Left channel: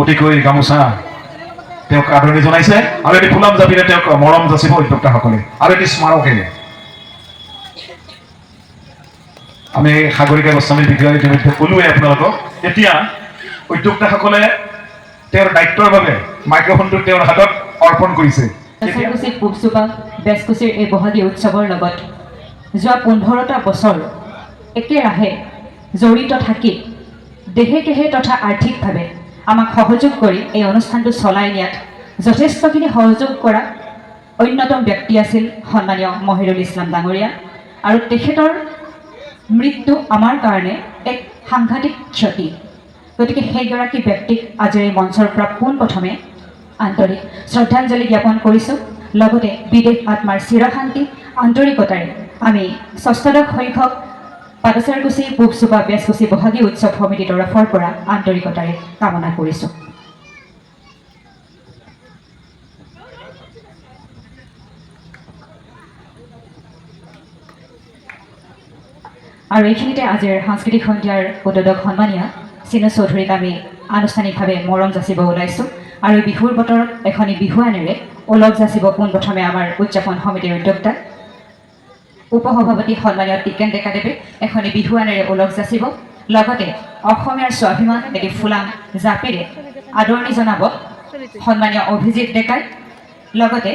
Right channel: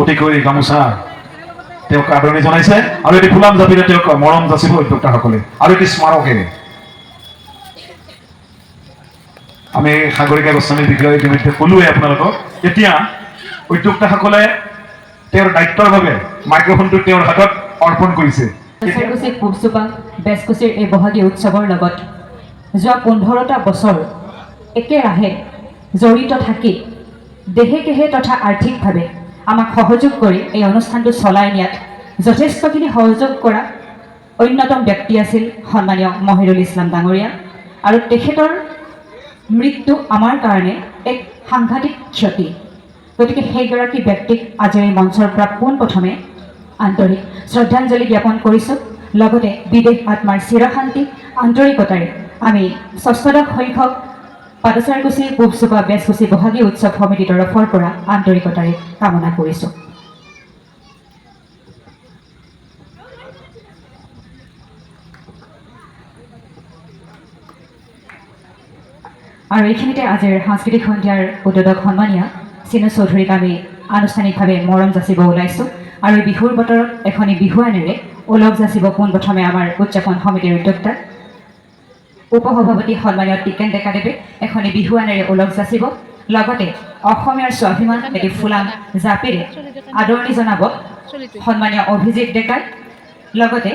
অতিকৈ গামোচা তেওঁক আদৰণি জনাইছে আৰু এটি ফুলাম জাপিৰে তেওঁক মৰম যাচিব উদ্যোক্তাসকলে আৰু এটি স্মাৰকেৰে আমি সাগৰিকা গোস্বামীৰ বিষয়ে ইতিমধ্যে ক'লোৱে আপোনালোকক এতিয়া উদ্যোক্তাসকলে তেওঁৰ দায়িত্বৰ বাবে মাইক্ৰফোনটো তেওঁৰ হাতত অৰ্পণ কৰিছে পূবচোপা বেজকুচিৰ এই বহাগী উৎসৱৰ লগত যোৱা 15টা বছৰ একেৰাহে জড়িত থাকি দেহে কেহে তথা আৰ্থিকভাৱে আমাক সহযোগ কৰি এই অনুষ্ঠানটো চলাই নিয়াত যথেষ্টখিনি সহযোগ কৰা অন্যতম ব্যক্তি আছিল সন্মানীয় মহিৰুল ইছলাম ডাঙৰীয়া আৰু তেখেতৰ মৃত্যু আমাৰ কাৰণে এক সাংঘাতিক ক্ষতি গতিকে সেইগৰাকী ব্যক্তিক আজি এই মঞ্চৰ পৰা পোনপ্ৰথমে আন্তৰিক শ্ৰদ্ধাঞ্জলি জ্ঞাপন কৰিছোঁ লগতে বিদেশ আত্মাৰ চিৰশান্তি আন্তৰিকতাৰে আমি ৬ষ্ঠদশ সংখ্যক পাদচাৰকুচি পূবচোপা বেজকুচি বহাগী উৎসৱ সমিতিৰ তৰফৰ পৰা আন্তৰিকতাৰে কামনা কৰিছোঁ আৰু এইখিনিতে আজিৰ সাংস্কৃতিক সন্ধিয়াৰ উদ্বোধক সন্মানীয় চিনু চৌধুৰীক আমি আনুষ্ঠানিকভাৱে মৰম যাচিব ওলাইছোঁ আৰু বিহুৰ বতৰত এখনি বিহুৱানেৰে ওলগ যাচিব পোনপ্ৰথমে আমাৰ উদযাপন সমিতিৰ উদ্যোক্তা উপসভাপতি সন্মানীয় টিকেন ডেকাদেৱে এখনি বিহুৱানেৰে ওলগ যাচিব লগতে অসমীয়াৰ স্বাভিমান এটি ফুলাম জাপিৰে আদৰণি জনাব সন্মানীয় অভিজিত ডেকাই লগতে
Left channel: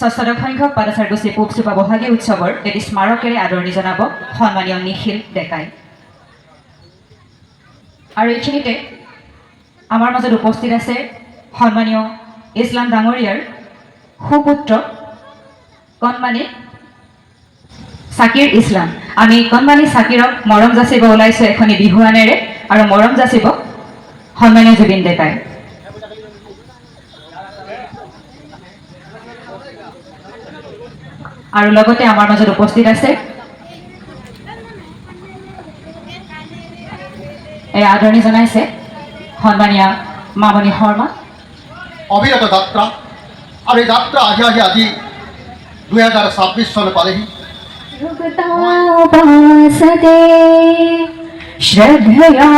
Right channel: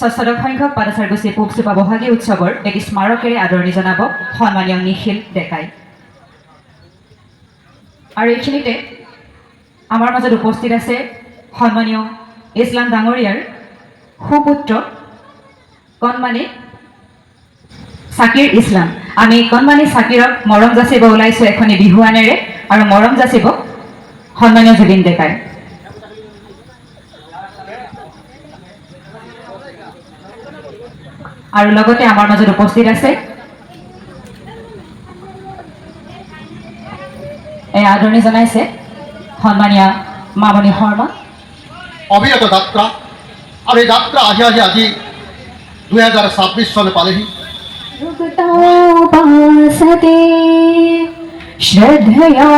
৬ষ্ঠদশ সংখ্যক পাদচাৰকুচি পূবচোপা বহাগী উৎসৱৰ এটি স্মাৰকেৰে আদৰণি জনাব সন্মানীয় নিখিল ডেকাই আৰু এইখিনিতে আমাৰ মাজত উপস্থিত আছে সন্মানীয় ইছলাম ডাঙৰীয়াৰ সুপুত্ৰ কণমানি চাকিৰ ইছলাম আমি কণমানি চাকিৰক মৰম যাচিব ওলাইছোঁ এখনি বিহুৱানেৰে আৰু মৰম যাচিব সন্মানীয় জুবিন ডেকাই আৰু লগতে আমাৰ মাজত উপস্থিত আছে এই আদৰণি জনাইছে সন্মানীয় মামণি শৰ্মা অবিৰত যাত্ৰা আৰু এই যাত্ৰা আহি আহি আজি 2026 চন পালেহি শ্ৰদ্ধয়া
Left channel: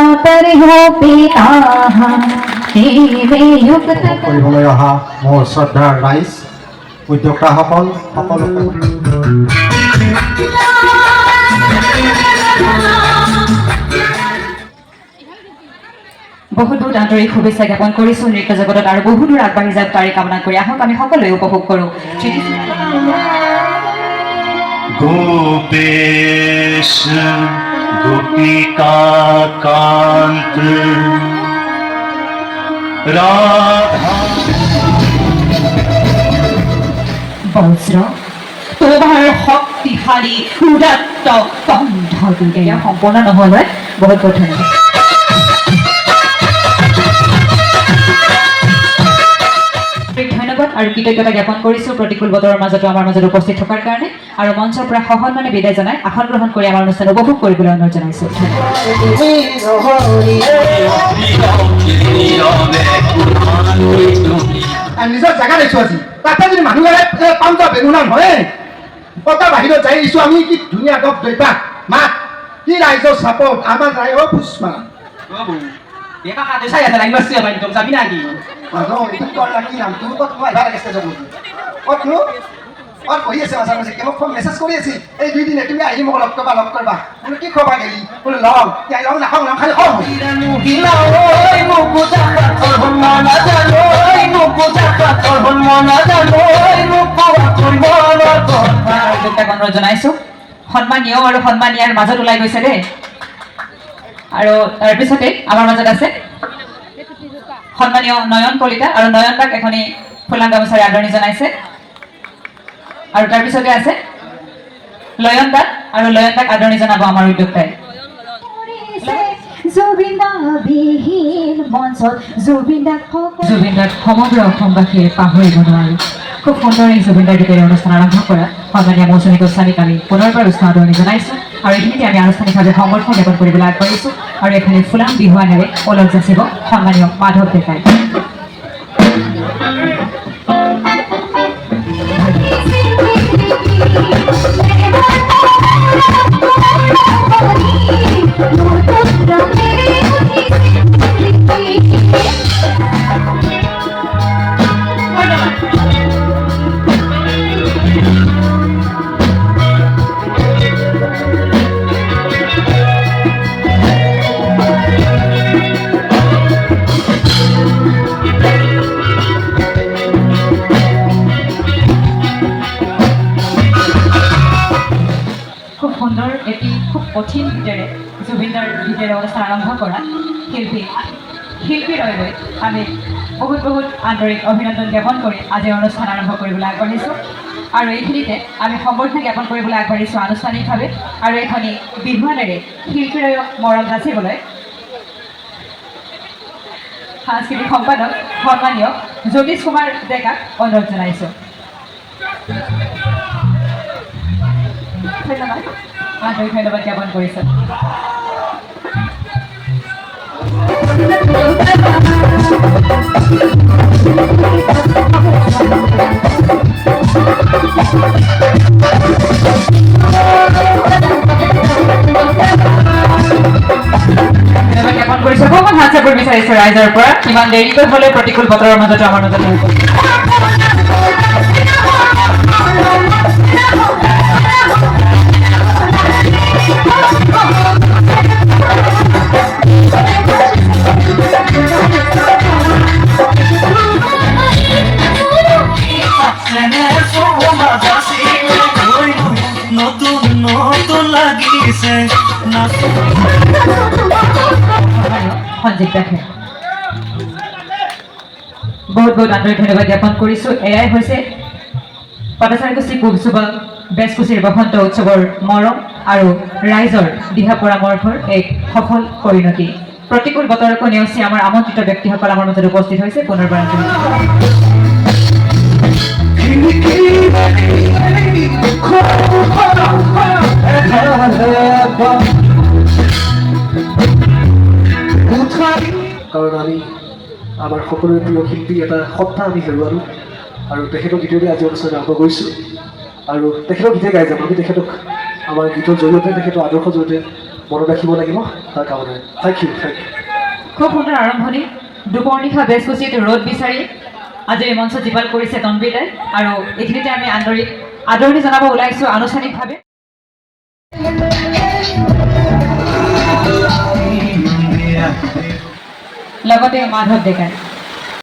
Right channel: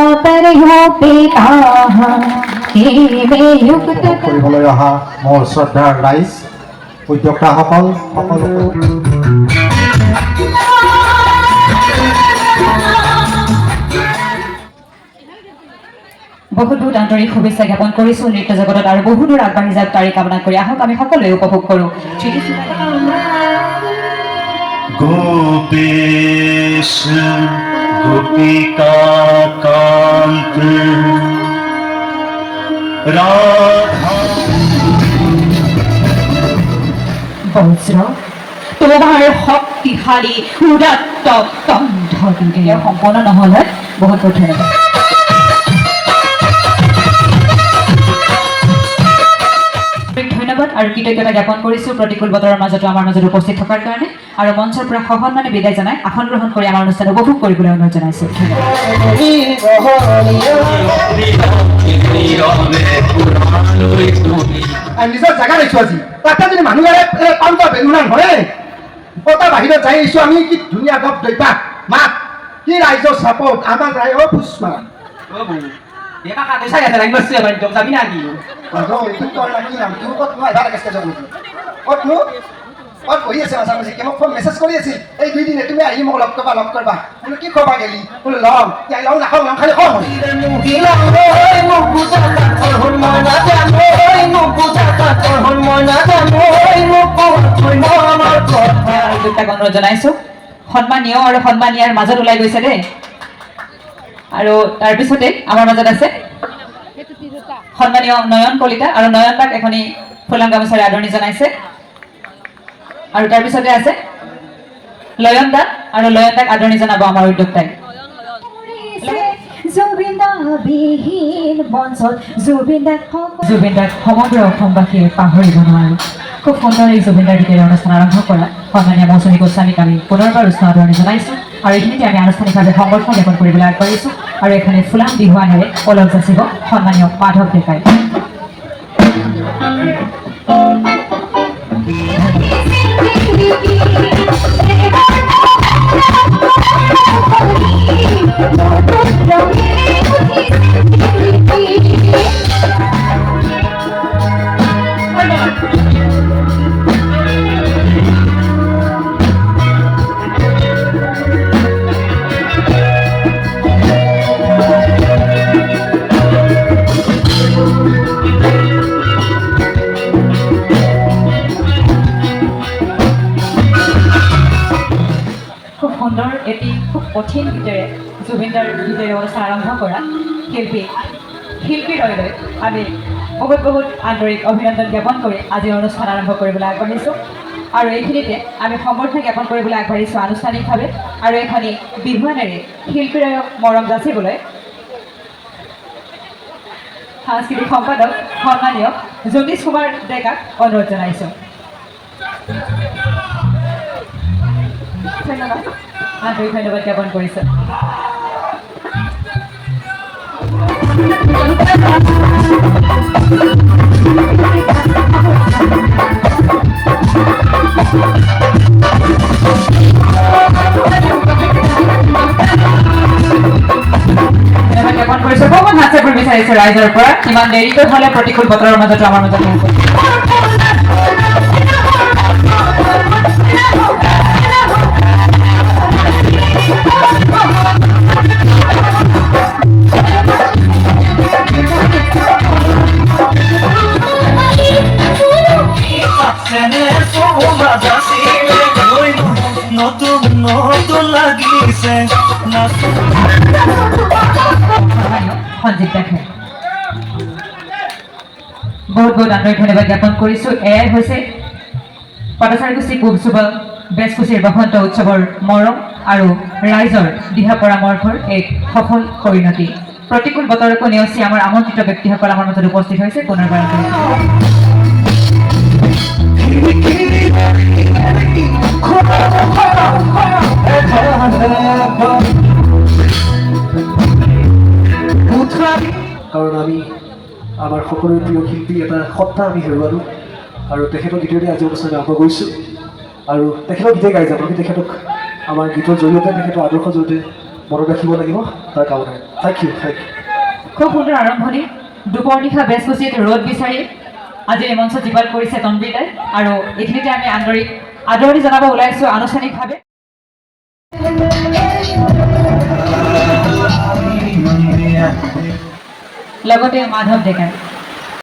কৰিবলৈ অহা মোৰ শ্ৰদ্ধাৰ ৰাইজ উদ্যোক্তাসকল সকলোকে বহুত বহুত আন্তৰিক শুভেচ্ছা জ্ঞাপন কৰিছোঁ নৃত্য জগতত আৰু বহু দূৰ আগবাঢ়ি যাওক তাৰে কামনা কৰি আহক আমি সকলোৱে উপভোগ কৰোঁ গোপেশ গোপিকা কান্ত ৰাধা বজ্ৰ তোমাৰ শক্তিশালী উদাত্ত কণ্ঠ সম্পূৰ্ণ নহ'ল হয় বহুত বহুত ধন্যবাদ ধন্যবাদ আৰু কৃতজ্ঞতা জ্ঞাপন কৰিছোঁ প্ৰতিকূল বতৰৰ মাজতো আমাৰ মাজত উপস্থিত থকাৰ কাৰণে আৰু মঞ্চৰ পৰা সসন্মানে বিদায় জনাই আসন গ্ৰহণ কৰি আমাৰ অনুষ্ঠান উপভোগ কৰিবলৈ অনুৰোধ জনাইছোঁ নিজৰ জেগা দিছোঁ আজি তাতে যদি মানুহে পাঞ্জা বেলুনা হয় পতা বাহিৰত যাই দিছোঁ আমি কি ধুনীয়া গপ দৈপাক মাত কি ৰাইজৰ চাপত আমাৰ ৰাইজৰ পুষ্মা Dia kakak saya ada lagi masih banyak jom sabi lagi. কৰি আছে মাজে মাজে মোক ফোন মেছেজ কৰি আছিল এই 2 দিনে তুমি আহি মোক লগ কৰবা বোলো কি খবা গেলি বোলো লওঁ ইয়াই লওঁ নাখাওঁ নাম খালি খওঁ অনুৰোধ জনাইছোঁ সন্মানীয় আৰু সন্মানীয়াৰ মাজত ওলাই গৈছে দেই আৰু তাৰপিছতে আমাৰ মাজত আছে সন্মানীয় নয়ন কলিতা আৰু নয়ন দাক এখনি ফুলাম গামোচাৰে আদৰণি জনাইছে আৰু তাৰপিছতে আছে লয়ন দাক আৰু লয়ন দাক আদৰণি জনাব আমাৰ উদ্যোক্তাই জুবিন দাক সমগ্ৰ অসমবাসীয়ে পাহৰিব নোৱাৰি খুব সুন্দৰ এই জুবিন দাৰ ৰূপেৰে অনুষ্ঠান আৰম্ভ কৰা সন্মানীয় মৌচুমী গোস্বামীক আমি পুনৰবাৰ উষ্ণ আদৰণি জনাইছোঁ আৰু এইখিনিতে আমি আনুষ্ঠানিকভাৱে সমৰ্থন জ্ঞাপন কৰিবলৈ আগবাঢ়িছোঁ আৰু এইখিনি ফুলাম বিহুৱানেৰে ওলগ যাচিব সন্মানীয় মাধৱ ডেকাই এই অনুষ্ঠান আৰম্ভ কৰা শিল্পীদ্বয়লৈ আমি বহুত আন্তৰিক অভিনন্দন জ্ঞাপন কৰি আজিৰ অনুষ্ঠান আৰম্ভ কৰিবলৈ আগবাঢ়িছোঁ আৰু এইখিনিতে আমি সম্বৰ্ধনা জ্ঞাপন কৰিবলৈ আগবাঢ়িছোঁ আনুষ্ঠানিকভাৱে আৰু এইখনি বিহুৱানেৰে শিল্পীদ্বয়ক মৰম যাচিবলৈ সাংস্কৃতিক সম্পাদক সন্মানীয় জ্যোতিষ কুমাৰ ডেকাক অনুৰোধ জনাইছোঁ। ধন্যবাদ, আন্তৰিক ধন্যবাদ জ্ঞাপন কৰিছোঁ। জ্ঞাপন কৰিছোঁ বহুত হাত চাপৰ বিচাৰিছোঁ ৰাইজৰ পৰা ইমান দেৰিকৈ হ'লে প্ৰতিকূল বতৰৰ মাজতো আমাৰ মাজত নতুন নতুন লাগিছে সঞ্জীৱ দাসে বহুত আন্তৰিক ধন্যবাদ জ্ঞাপন কৰিছোঁ। এয়াই হৈছে পাটাচাৰকুচি পূবচুবা বেজকুচিৰ বসন্ত উৎসৱৰ মৰম আৰু ৰাইজৰ দিহা পৰামৰ্শৰ এক সফল পৰিণতি। প্ৰতিকূল বতৰকো নেওচি আমাৰ আমন্ত্ৰিত ব্যক্তিসকল আমাৰ মাজত উপস্থিত হৈছে পুনৰবাৰ কাৰণ আমি আমাৰ সকলোৰে প্ৰিয় শিল্পী এটা সত্তা আমি হেৰুৱালোঁ আৰু তেখেতৰ গীতেৰে আজি অনুষ্ঠান আৰম্ভ কৰিছোঁ আৰু তেখেতৰ গীতে গাই যাম। আমি তেখেতক আমাৰ গীতৰ জৰিয়তে তেখেতৰ আদৰ্শৰ জৰিয়তে মনত ৰাখিব লাগিব তাৰ কাৰণে থেংক ইউ। খুব সুন্দৰ আৰম্ভণি। দুপৰ নিশা বেজকুচিত ৰ'দ বিচাৰি আজি এই মঞ্চ জীপাল কৰিছে তনবীৰ দাই আৰু এইখিনিতে আমি আদৰণি জনাব ওলাইছোঁ আনুষ্ঠানিকভাৱে। লগতে মাধৱ ডেকা